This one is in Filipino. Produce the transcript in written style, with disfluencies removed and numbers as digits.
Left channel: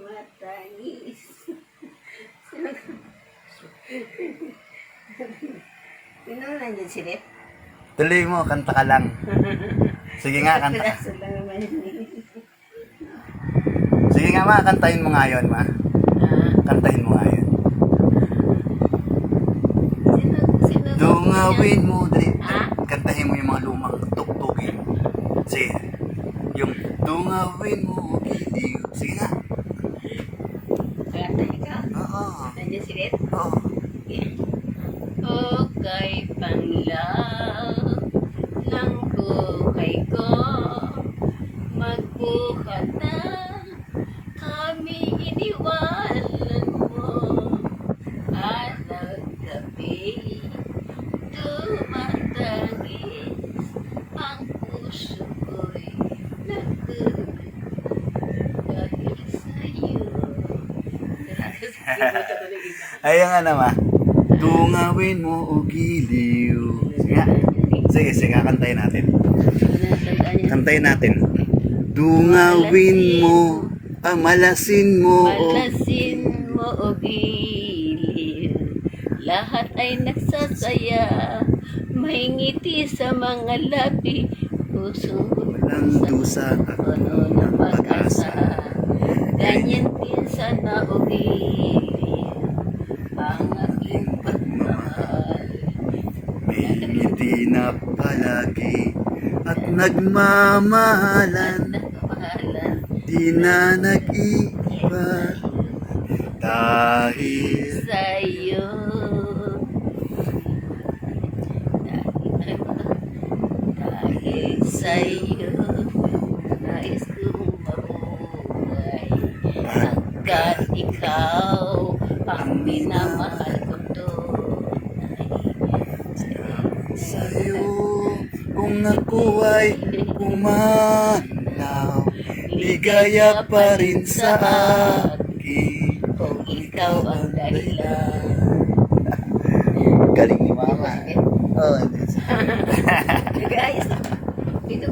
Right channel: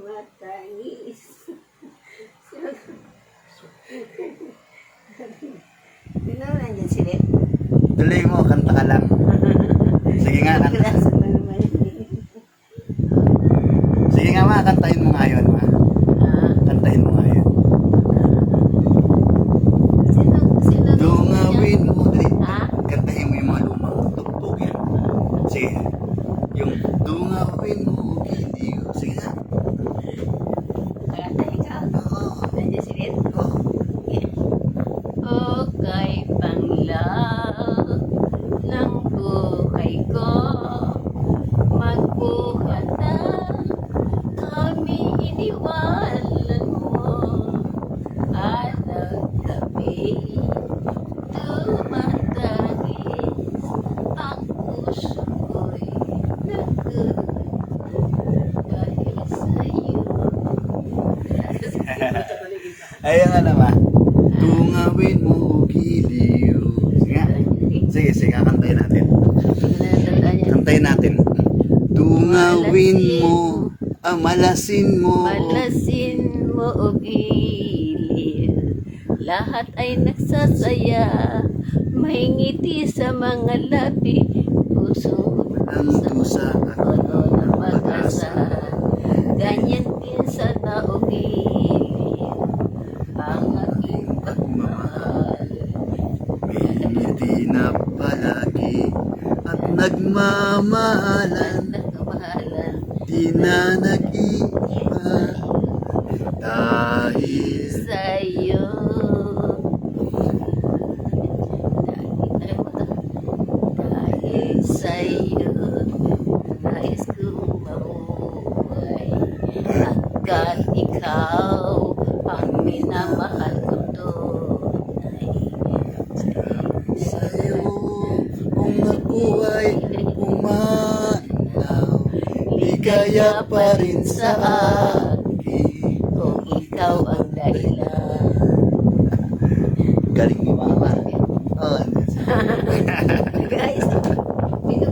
Matanis. Sino nandiyan sila? Tuloy mo, kanta ka lang. Sige nga, kanta. Piraso lang naman yun. Sige nga ma, kantahin mo nga yun ma. Kantahin mo nga yun. Sino? Dungawin mo, dali. Ha? Kantahin mo yung mga lumang tuktukin. Sige. Yung dungawin mo, giliw. Sige nga. Kanta ikaw? Oo. Nandiyan sila? Oo. Okay, panglaw ng buhay ko, magbuhat na kami iniwanan mo, at ang gabi tumatagis, ang puso ko'y nagulog dahil sa'yo. Ayan nga naman. Dungawin mo o giliw. Sige nga. Sige, sige, kantayin natin. Kantayin natin. Dungawin mo, malasin mo. Malasin mo o giliw, lahat ay nagsasaya, may ngiti sa mga labi, puso Walang dusa at puno ng pag-asa. Ganyan din sana o giliw ang aking pagmamahal. may ngiti na palagi at nagmamahalan. Nagmamahalan Di na nag-iba dahil sa'yo. Dahil sa'yo, nais kong mabuhay. Hanggat ikaw ang minamahal ko tunay. sa'yo kung ako ay pumanaw, ligaya pa rin sa akin. Kung ikaw ang dahilan. Galing ni Mama. Oh, Guys,